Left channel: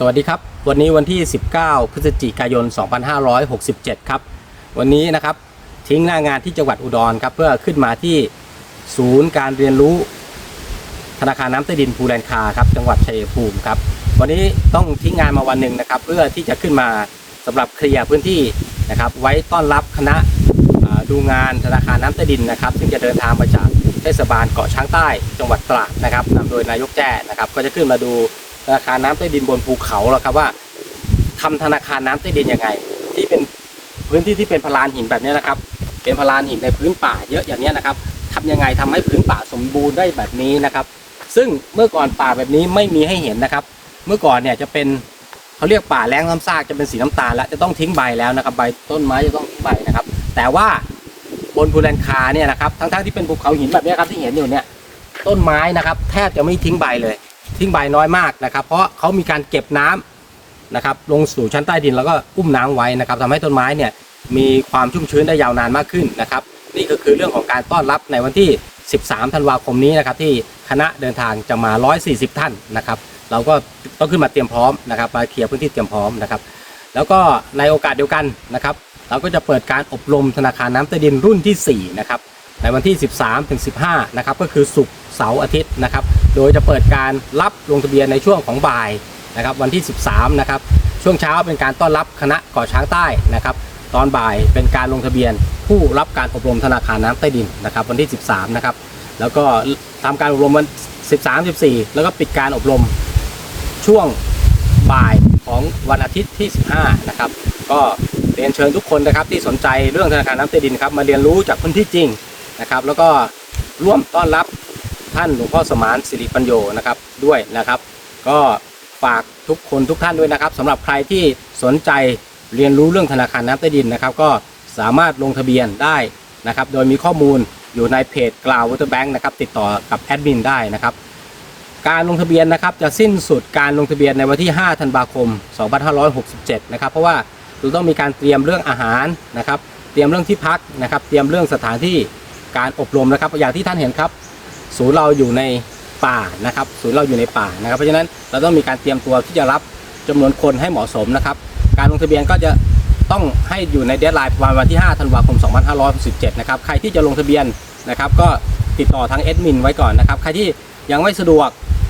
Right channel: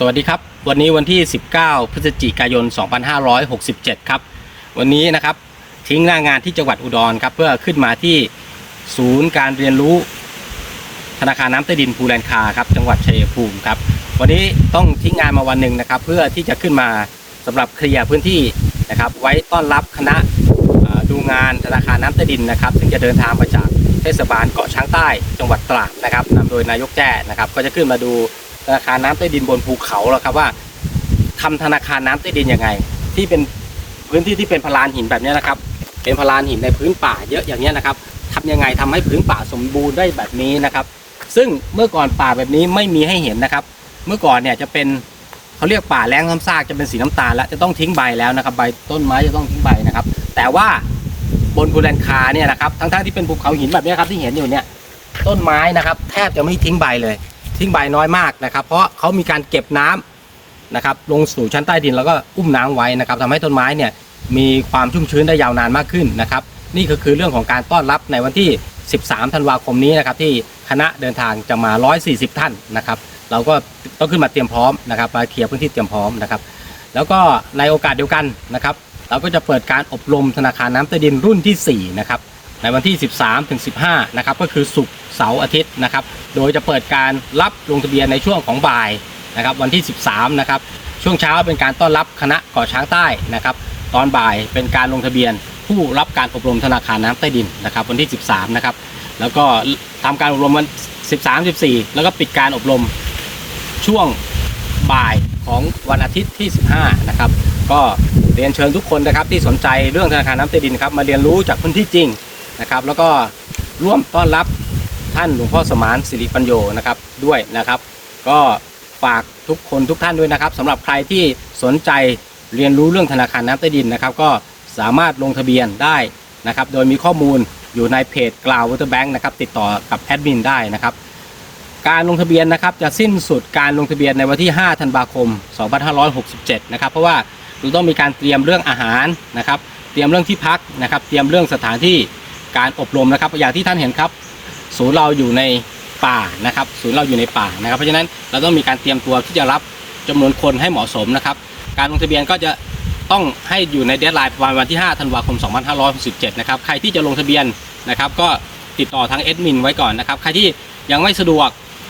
สวัสดีครับ วันนี้วันที่ 19 พฤศจิกายน 2567 ครับ วันนี้นะครับทิ้งหน้างานที่จังหวัดอุดรครับ เพื่อขึ้นมาที่ศูนย์การเรียนรู้ ธนาคารน้ำใต้ดินภูแลนคาครับ จังหวัดชัยภูมิครับ วันนี้ต้องทิ้งงานมาวันหนึ่งนะครับ เพื่อที่จะขึ้นมาสำหรับเคลียร์พื้นที่นะครับ ไว้ต้อนรับคณะดูงานธนาคารน้ำใต้ดินนะครับ ซึ่งจะเดินทางมาจากเทศบาลเกาะช้างใต้ จังหวัดตราดนะครับนำโดยนายกแจ้นะครับ ก็จะขึ้นมาดู ธนาคารน้ำใต้ดินบนภูเขาแล้วครับว่าทำธนาคารน้ำใต้ดินยังไง ที่เป็นพื้นที่ที่เป็นพลานหินแบบนี้นะครับ เป็นพลานหินในพื้นป่าเยอะอย่างนี้นะครับทำยังไงทำให้พื้นป่าสมบูรณ์ได้แบบนี้นะครับ ซึ่งเมื่อก่อนป่าแบบนี้ไม่มีให้เห็นนะครับ เมื่อก่อนเนี่ยจะเป็นเขาเรียกป่าแรงน้ำซากจะเป็นสีน้ำตาลแล้วจะต้องทิ้งใบแล้วนะครับใบต้นไม้จะต้องทิ้งใบนะครับ แต่ว่าบนภูแลนคาเนี่ยนะครับทั้งๆที่เป็นภูเขาหินแบบนี้ครับที่เห็นอยู่เนี่ยต้นไม้นะครับ แทบจะไม่ทิ้งใบเลย ทิ้งใบน้อยมากนะครับ เพราะเขามีการเก็บน้ำนะครับ ลงสู่ชั้นใต้ดินแล้วก็อุ้มน้ำไว้นะครับทำให้ต้นไม้เนี่ยมีความชุ่มชื้นได้ยาวนานมากขึ้นนะครับ นี่ก็คือเรื่องของการต้อนรับในวันที่ 13 ธันวาคมนี้นะครับ ที่คณะเดินทางจะมา 140 ท่านนะครับ เราก็ต้องขึ้นมาเตรียมพร้อมนะครับมาเคลียร์พื้นที่เตรียมพร้อมนะครับ แล้วก็ในโอกาสเดียวกันนะครับ เราก็จะเปิดการอบรมธนาคารน้ำใต้ดินรุ่นที่ 4 นะครับ ในวันที่ 13ถึง15 นะครับ ก็คือศุกร์ เสาร์อาทิตย์นะครับ โดยจะเปิดการรับลงทะเบียนในช่วงของบ่ายนะครับวันที่ 13 นะครับ ช่วงเช้าเป็นการต้อนรับคณะก่อช้างใต้นะครับ ตอนบ่ายเป็นการลงทะเบียน ผู้รับการอบรมธนาคารน้ำใต้ดินนะครับ วันที่ 13 นะครับ แล้วก็ทำการอบรมวัน 13 14 แล้วก็ปิดการอบรมช่วงบ่ายของวันอาทิตย์ที่ 15 นะครับ ก็เรียนเชิญทุกคนนะครับที่สนใจเรื่องธนาคารน้ำใต้ดินครับมาเรียนรู้จากพื้นที่จริงนะครับ แล้วก็ร่วมต้อนรับ ท่านหลวงพ่อสมานสิริปัญโยนะครับด้วยนะครับ ก็ฝากทุกคนทุกท่านด้วยนะครับสำหรับใครที่สนใจเรียนรู้เรื่องธนาคารน้ำใต้ดินนะครับ ก็สามารถลงทะเบียนได้นะครับ โดยมีข้อมูลอยู่ในเพจกล่าววอเตอร์แบงค์นะครับติดต่อกับแอดมินได้นะครับ การลงทะเบียนนะครับจะสิ้นสุดการลงทะเบียนในวันที่ 5 ธันวาคม 2567 นะครับ เพราะว่าเราต้องมีการเตรียมเรื่องอาหารนะครับ เตรียมเรื่องที่พักนะครับ เตรียมเรื่องสถานที่การอบรมนะครับ อย่างที่ท่านเห็นครับ ศูนย์เราอยู่ในป่านะครับ ศูนย์เราอยู่ในป่านะครับ เพราะฉะนั้นเราต้องมีการเตรียมตัวที่จะรับจำนวนคนให้เหมาะสมนะครับ การลงทะเบียนก็จะต้องให้อยู่ในเดทไลน์ประมาณวันที่ 5 ธันวาคม 2567 นะครับ ใครที่จะลงทะเบียนนะครับก็ติดต่อทางแอดมินไว้ก่อนนะครับ ใครที่ยังไม่สะดวก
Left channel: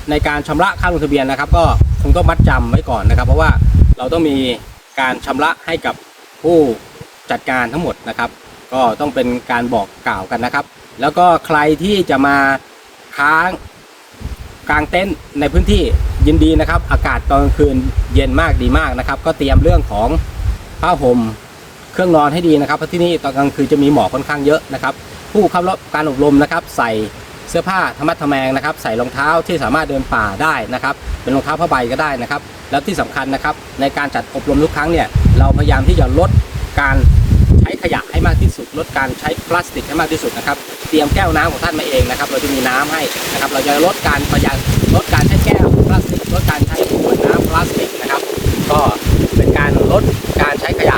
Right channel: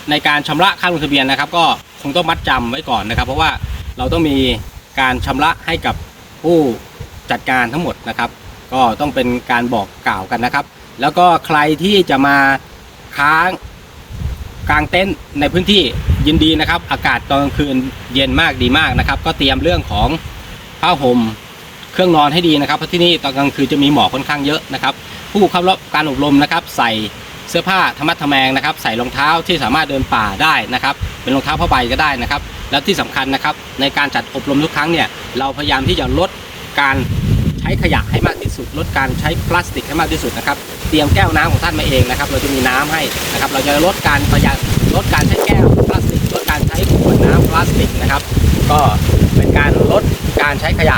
ในการชำระค่าลงทะเบียนนะครับ ก็คงต้องมัดจำไว้ก่อนนะครับ เพราะว่าเราต้องมีการชำระให้กับผู้จัดการทั้งหมดนะครับ ก็ต้องเป็นการบอกกล่าวกันนะครับ แล้วก็ใครที่จะมาค้างกลางเต็นท์ในพื้นที่ยินดีนะครับ อากาศตอนกลางคืนเย็นมากดีมากนะครับ ก็เตรียมเรื่องของผ้าห่มเครื่องนอนให้ดีนะครับเพราะที่นี่ตอนกลางคืนจะมีหมอกค่อนข้างเยอะนะครับ ผู้เข้ารับการอบรมนะครับ ใส่เสื้อผ้าธรรมะทแมงนะครับ ใส่รองเท้าที่สามารถเดินป่าได้นะครับ เป็นรองเท้าผ้าใบก็ได้นะครับ แล้วที่สำคัญนะครับ ในการจัดอบรมทุกครั้งเนี่ยเราพยายามที่จะลดการ ช้ขยะให้มากที่สุด ลดการใช้พลาสติกให้มากที่สุดนะครับ เตรียมแก้วน้ำของท่านมาเองนะครับ เราจะมีน้ำให้นะครับ เราจะลดการประหยัดลดการใช้แก้วพลาสติก ลดการใช้ขวดน้ำพลาสติกนะครับ ก็เป็นการลดการใช้ขยะ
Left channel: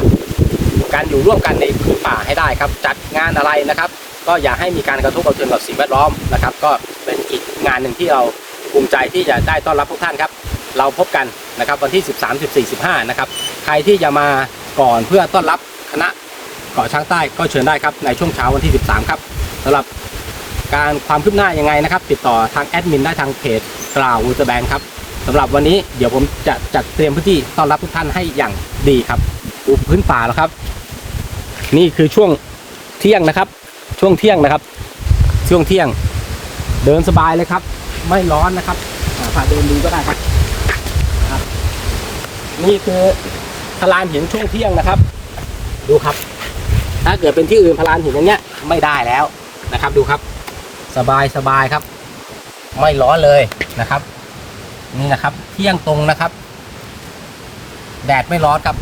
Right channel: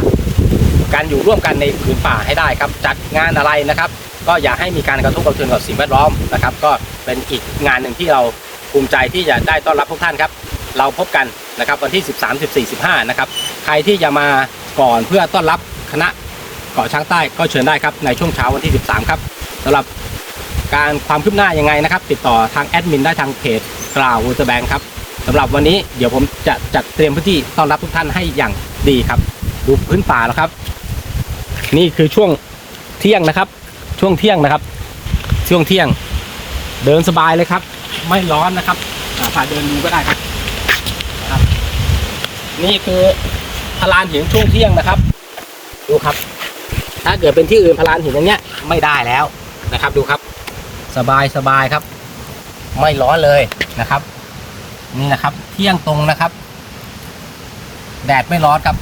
การอยู่ร่วมกันในผืนป่าให้ได้ครับ จัดงานอะไรนะครับ ก็อย่าให้มีการกระทบกระเทือนกับสิ่งแวดล้อมนะครับ ก็เป็นอีกงานหนึ่งที่เราภูมิใจที่จะได้ต้อนรับทุกท่านครับ เราพบกันนะครับวันที่ 13 14 15 นะครับ ใครที่จะมาก่อนเพื่อต้อนรับคณะ เกาะช้างใต้ก็เชิญได้ครับในช่วงเช้าวันที่ 13 ครับสำหรับการความคืบหน้ายังไงนะครับ ติดต่อทางแอดมินได้ทางเพจกล่าววูเตแบงครับสำหรับวันนี้เดี๋ยวผมจะจัดเตรียมพื้นที่ต้อนรับทุกท่านให้อย่างดีครับ ดูพื้นป่าแล้วครับ นี่คือช่วงเที่ยงนะครับ ช่วงเที่ยงนะครับ ช่วงเที่ยง เดินสบายเลยครับ ไม่ร้อนนะครับอ่าพาเดินดูก็ได้ครับนี่คือพลานหินช่วงเที่ยงนะครับ ดูครับ ถ้าเกิดเป็นที่อื่นพลานหินอย่างเงี้ยไม่ได้แล้วนะครับ ดูครับ สบายสบายครับ ไม่ร้อนเลยนะครับ นี่นะครับ เที่ยงตรงนะครับ แดดไม่ร้อนครับ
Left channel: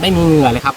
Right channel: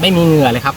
ไม่มีเหงื่อเลยครับ